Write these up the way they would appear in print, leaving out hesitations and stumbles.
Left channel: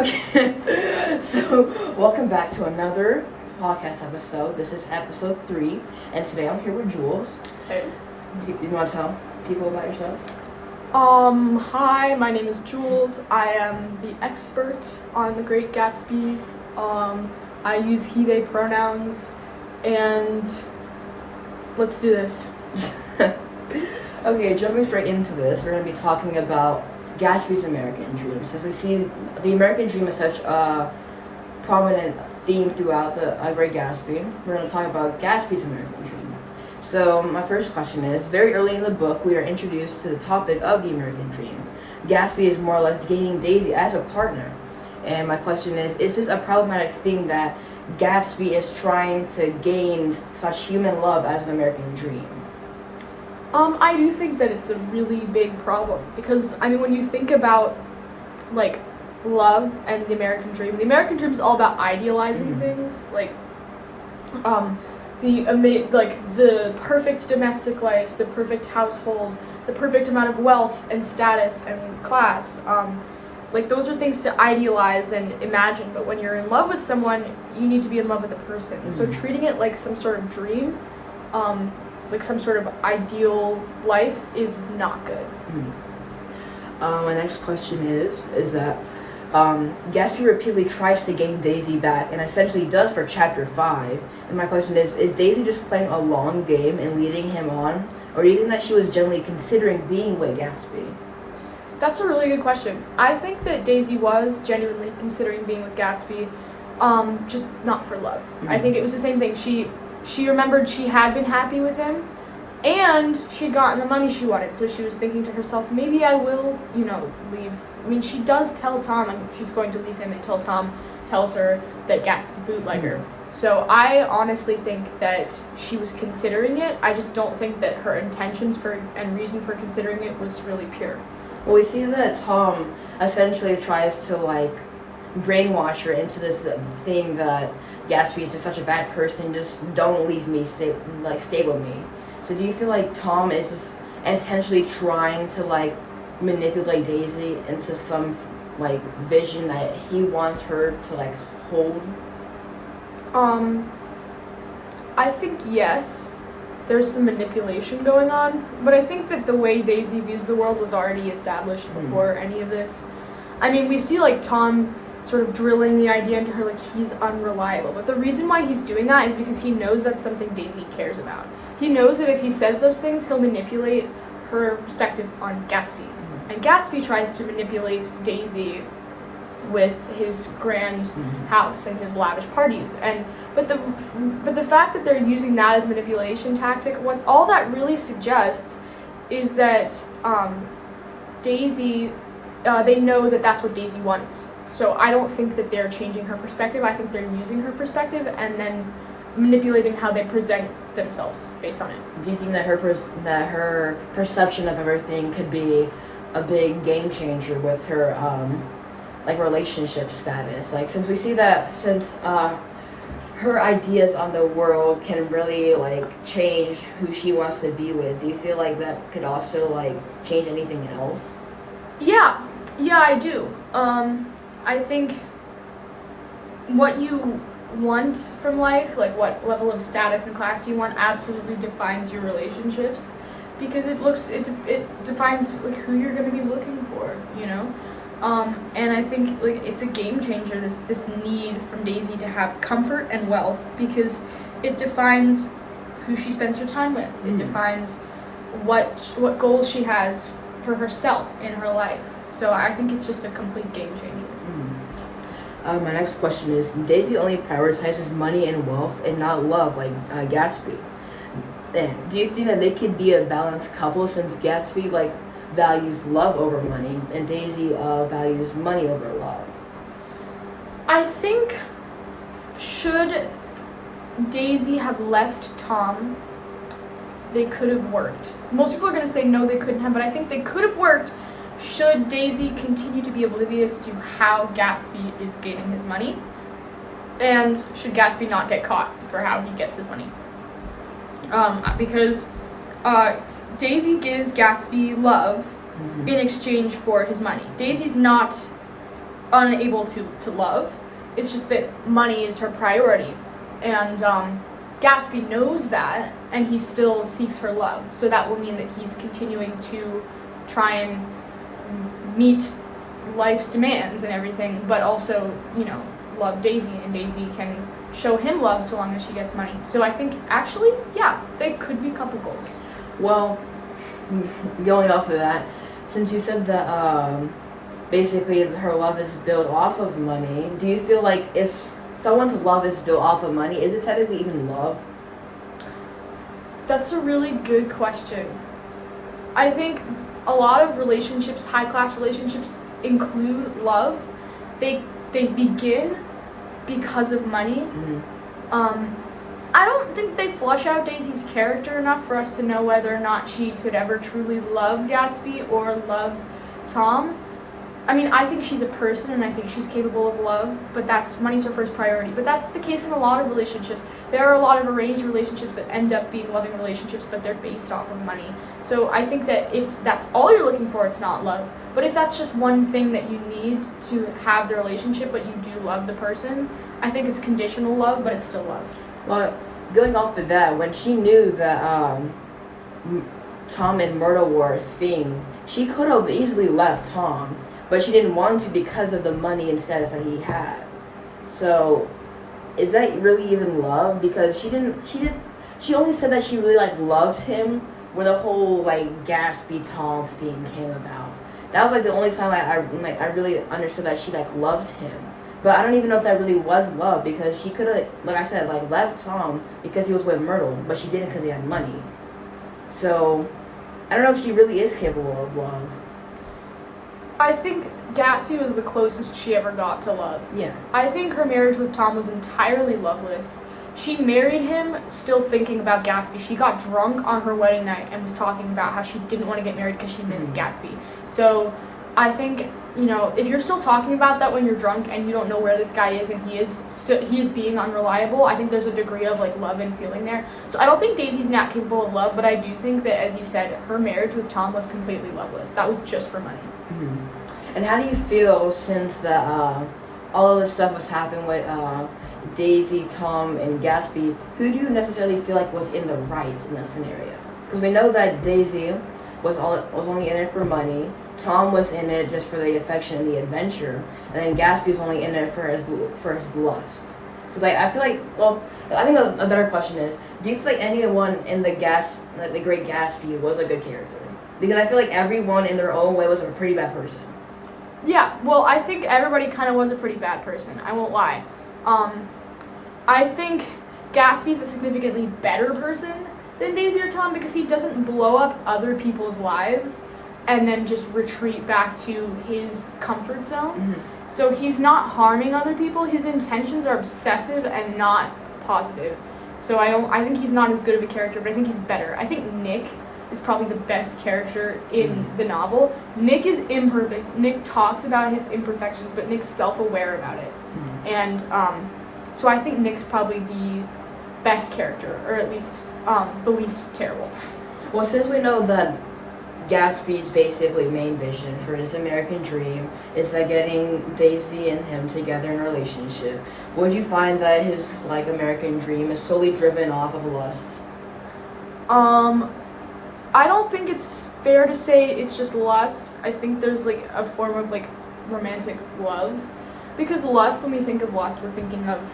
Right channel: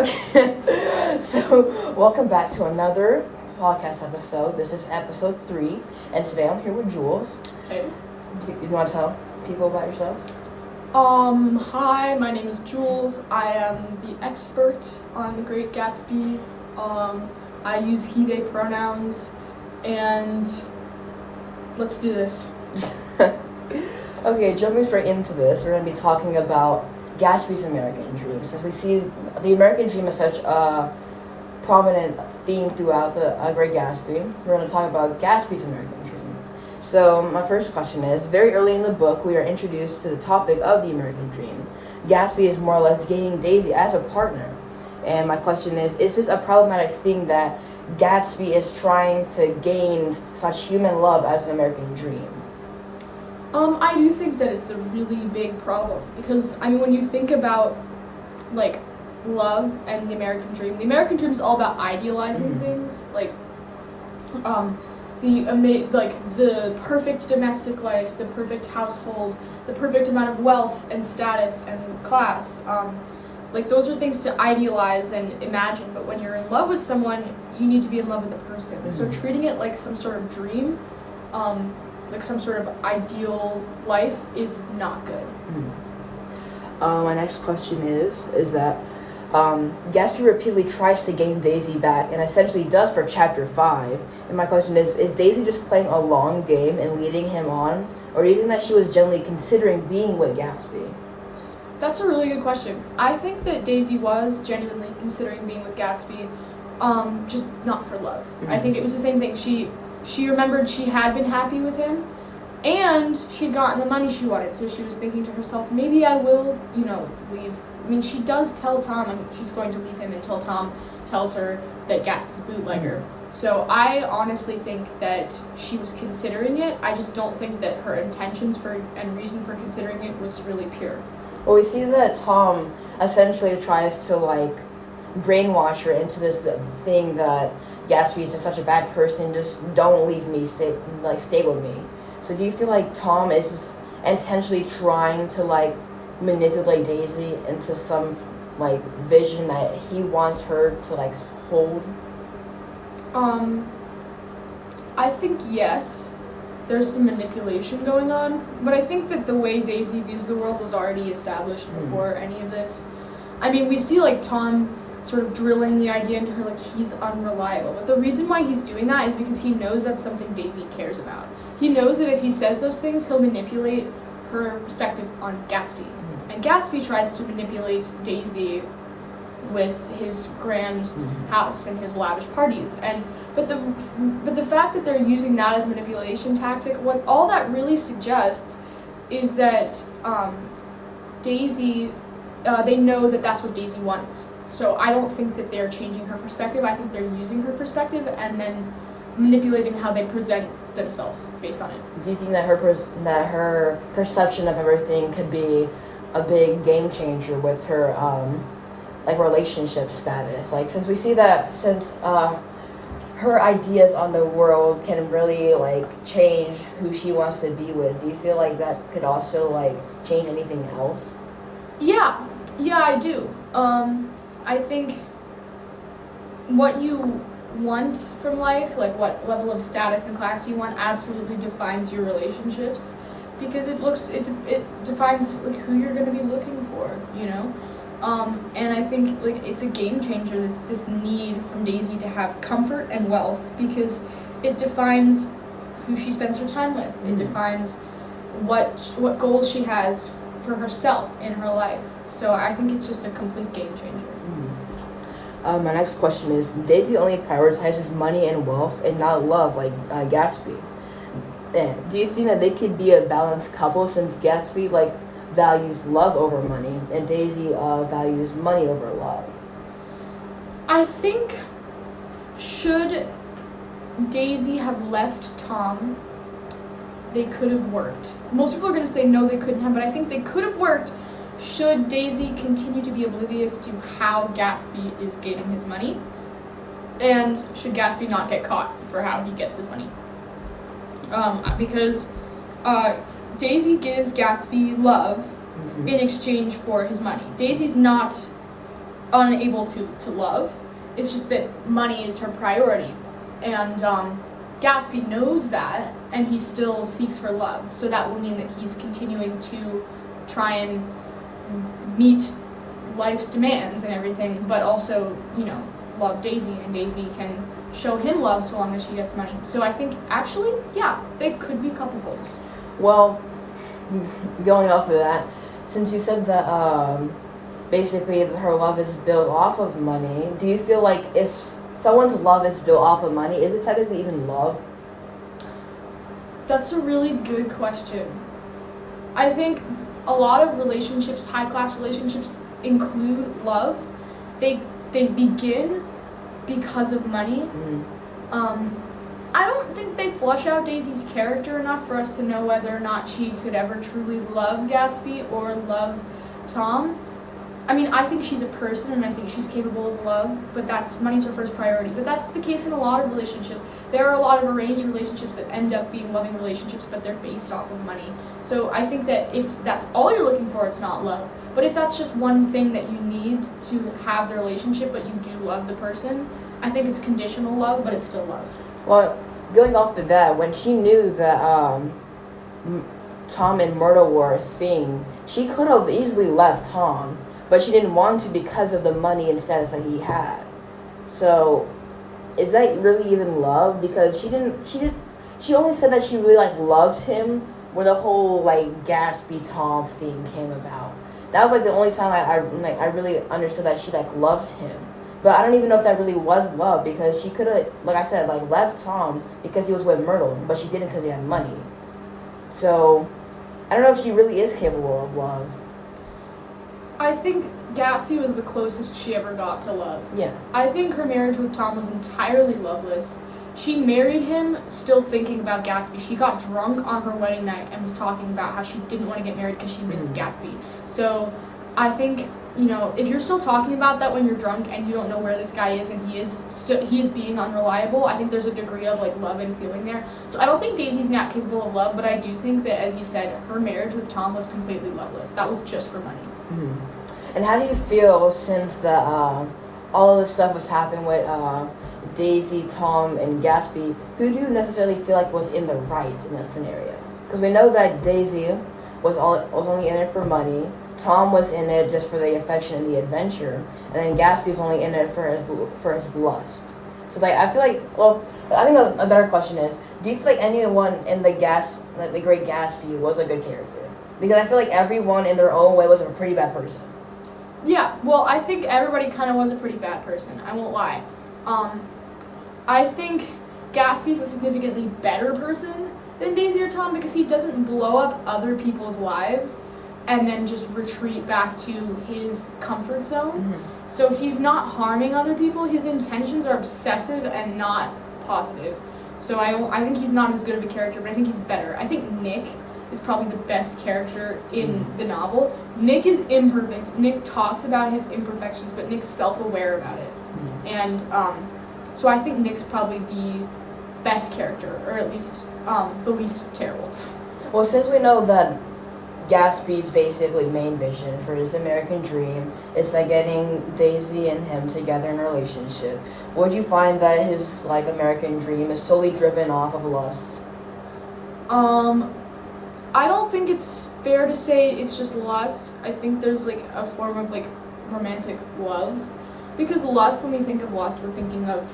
Okay, so welcome back to another podcast episode. This is episode 3, and today I'm here with Jules. Hey. You want to tell people about yourself? Hi, my name is Jules. I am the expert on the Great Gatsby. I use he, they pronouns, and let's do this. Okay, jumping straight into this, we're going to be talking about Gatsby's American Dream. Since we see the American Dream as such a prominent theme throughout the Great Gatsby, we're going to talk about Gatsby's American Dream. So my first question is, very early in the book, we are introduced to the topic of the American Dream. Gatsby is more or less gaining Daisy as a partner. And my question is this a problematic thing that Gatsby is trying to gain such human love as an American dream? I do think that it's a really big problem because, when you think about, love and the American dream is all about idealizing things, the perfect domestic life, the perfect household, the perfect amount of wealth and status and class. Those are things to idealize and imagine, but when you're in love with someone, you need to be in love with the person. Mm-hmm. So treating it like some sort of dream, like some sort of ideal life is not good. Mm-hmm. My next question is that Gatsby repeatedly tries to gain Daisy back and essentially does for chapter 5. And my question is Daisy just playing a long game and leading him on? Or do you think that she was genuinely considering being with Gatsby? That's a really good question. I think that Daisy was genuinely considering being with Gatsby, just not for love. Mm-hmm. I think it was the same thing. She remembered she had been happy with him, and she'd gotten the money she wanted, so she was thinking to herself, maybe I will, leave. She does tell Tom she's going to leave him until Tom tells her that Gatsby's a bootlegger. Mm-hmm. So I honestly think that she was considering it. I just don't think that her intentions and reason for considering it was really pure. Well, we see that Tom essentially tries to, brainwash her into this thing that Gatsby is just such a bad person, just don't leave me, stay with me. So do you feel like Tom is just intentionally trying to, manipulate Daisy into some, vision that he wants her to, hold? I think yes. There's some manipulation going on, but I think that the way Daisy views the world was already established before any of this. We see Tom sort of drilling the idea into her he's unreliable, but the reason why he's doing that is because he knows that's something Daisy cares about. He knows that if he says those things, he'll manipulate her perspective on Gatsby, and Gatsby tries to manipulate Daisy with his grand house and his lavish parties, but the fact that they're using that as manipulation tactic, what all that really suggests is that Daisy, they know that that's what Daisy wants. So I don't think that they're changing her perspective. I think they're using her perspective and then manipulating how they present themselves based on it. Do you think that her perception of everything could be a big game changer with her relationship status? Since we see that her ideas on the world can really change who she wants to be with, do you feel like that could also change anything else? Yeah, I do. I think what you want from life, what level of status and class you want, absolutely defines your relationships, because it defines who you're going to be looking for, and I think it's a game changer, this need from Daisy to have comfort and wealth, because it defines who she spends her time with. It defines what goals she has for herself in her life. So I think it's just a complete game changer. My next question is, Daisy only prioritizes money and wealth and not love like Gatsby. And do you think that they could be a balanced couple, since Gatsby values love over money and Daisy values money over love? I think, should Daisy have left Tom, they could have worked. Most people are going to say no, they couldn't have, but I think they could have worked should Daisy continue to be oblivious to how Gatsby is gaining his money, and should Gatsby not get caught for how he gets his money. Because Daisy gives Gatsby love in exchange for his money. Daisy's not unable to love. It's just that money is her priority. And Gatsby knows that, and he still seeks her love. So that will mean that he's continuing to try and meet life's demands and everything, but also, love Daisy, and Daisy can show him love so long as she gets money. So I think, actually, yeah, they could be couple goals. Well, going off of that, since you said that basically her love is built off of money, do you feel like if someone's love is built off of money, is it technically even love? That's a really good question. I think a lot of relationships, high-class relationships, include love. They begin because of money. I don't think they flush out Daisy's character enough for us to know whether or not she could ever truly love Gatsby or love Tom. I mean, I think she's a person, and I think she's capable of love, but money's her first priority. But that's the case in a lot of relationships. There are a lot of arranged relationships that end up being loving relationships, but they're based off of money. So I think that if that's all you're looking for, it's not love. But if that's just one thing that you need to have the relationship, but you do love the person, I think it's conditional love, but it's still love. Well, going off of that, when she knew that Tom and Myrtle were a thing, she could have easily left Tom, but she didn't want to because of the money and status that he had. So, is that really even love? Because she only said that she really loved him when the whole Gatsby Tom thing came about. That was the only time I really understood that she loved him. But I don't even know if that really was love, because she could have, like I said, left Tom because he was with Myrtle, but she didn't because he had money. So, I don't know if she really is capable of love. I think Gatsby was the closest she ever got to love. Yeah. I think her marriage with Tom was entirely loveless. She married him still thinking about Gatsby. She got drunk on her wedding night and was talking about how she didn't want to get married because she missed Gatsby. So I think, if you're still talking about that when you're drunk and you don't know where this guy is and he is being unreliable, I think there's a degree of love and feeling there. So I don't think Daisy's not capable of love, but I do think that, as you said, her marriage with Tom was completely loveless. That was just for money. Mm-hmm. And how do you feel since that all of this stuff was happening with Daisy, Tom, and Gatsby? Who do you necessarily feel was in the right in this scenario? Because we know that Daisy was only in it for money. Tom was in it just for the affection and the adventure, and then Gatsby's only in it for his lust. So I feel I think a better question is, do you feel anyone in the Great Gatsby was a good character? Because I feel everyone in their own way was a pretty bad person. Yeah, well, I think everybody kind of was a pretty bad person. I won't lie. I think Gatsby's a significantly better person than Daisy or Tom because he doesn't blow up other people's lives and then just retreat back to his comfort zone. Mm-hmm. So he's not harming other people. His intentions are obsessive and not positive. So I think he's not as good of a character, but I think he's better. I think Nick is probably the best character in the novel. Nick is imperfect. Nick talks about his imperfections, but Nick's self-aware about it. Mm-hmm. And so I think Nick's probably the best character, or at least the least terrible. Well, since we know that Gatsby's basically main vision for his American dream is getting Daisy and him together in a relationship, would you find that his American dream is solely driven off of lust? I don't think it's fair to say it's just lust. I think there's a form of romantic love, because lust, when we think of lust, we're thinking of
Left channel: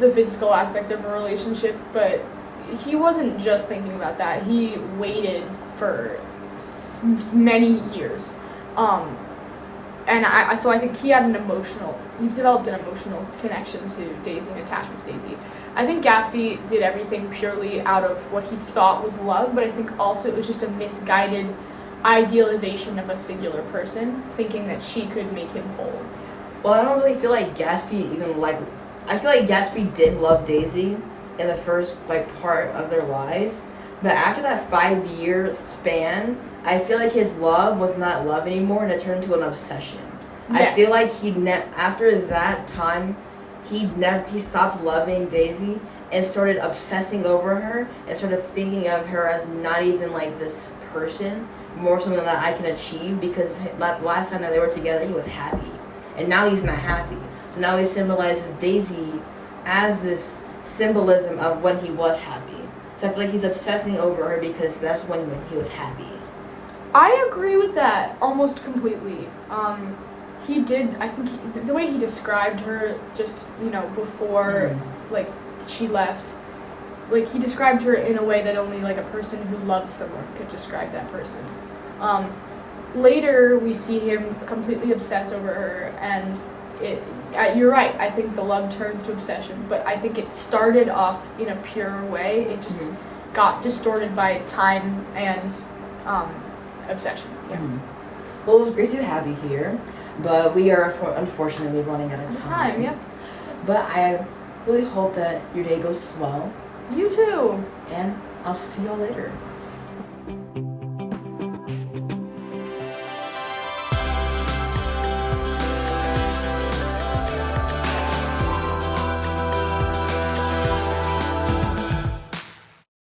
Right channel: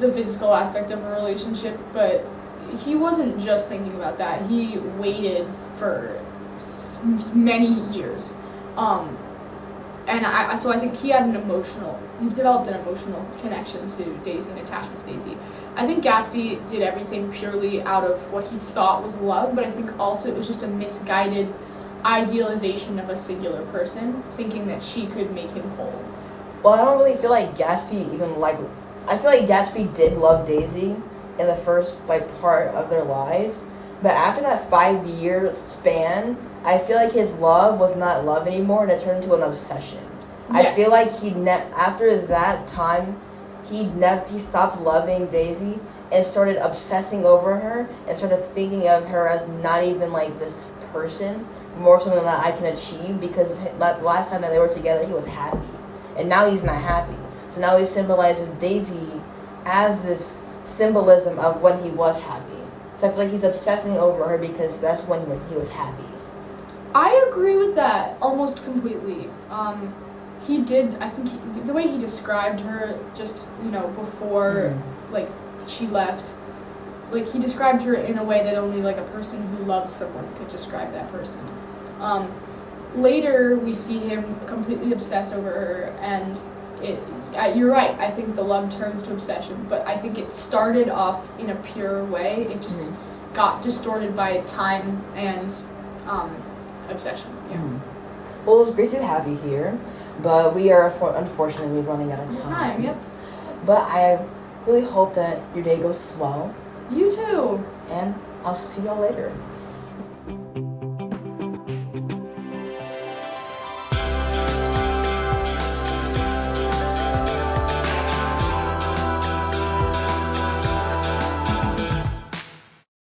the physical aspect of a relationship, but he wasn't just thinking about that. He waited for many years. And so I think he developed an emotional connection to Daisy and attachment to Daisy. I think Gatsby did everything purely out of what he thought was love, but I think also it was just a misguided idealization of a singular person, thinking that she could make him whole. Well, I don't really feel Gatsby even I feel Gatsby did love Daisy in the first part of their lives, but after that 5-year span, I feel his love was not love anymore, and it turned into an obsession. Yes. I feel after that time, he stopped loving Daisy, and started obsessing over her and started thinking of her as not even like this person, more something that I can achieve, because last time that they were together he was happy and now he's not happy. So now he symbolizes Daisy as this symbolism of when he was happy. So I feel like he's obsessing over her because that's when he was happy. I agree with that almost completely. He did. I think the way he described her, just before like she left, like he described her in a way that only like a person who loves someone could describe that person. Later we see him completely obsess over her, and you're right. I think the love turns to obsession, but I think it started off in a pure way. It just got distorted by time and obsession. Yeah. Well, it was great to have you here, but we are unfortunately running out of time. Yep. But I really hope that your day goes well. You too. And I'll see y'all later.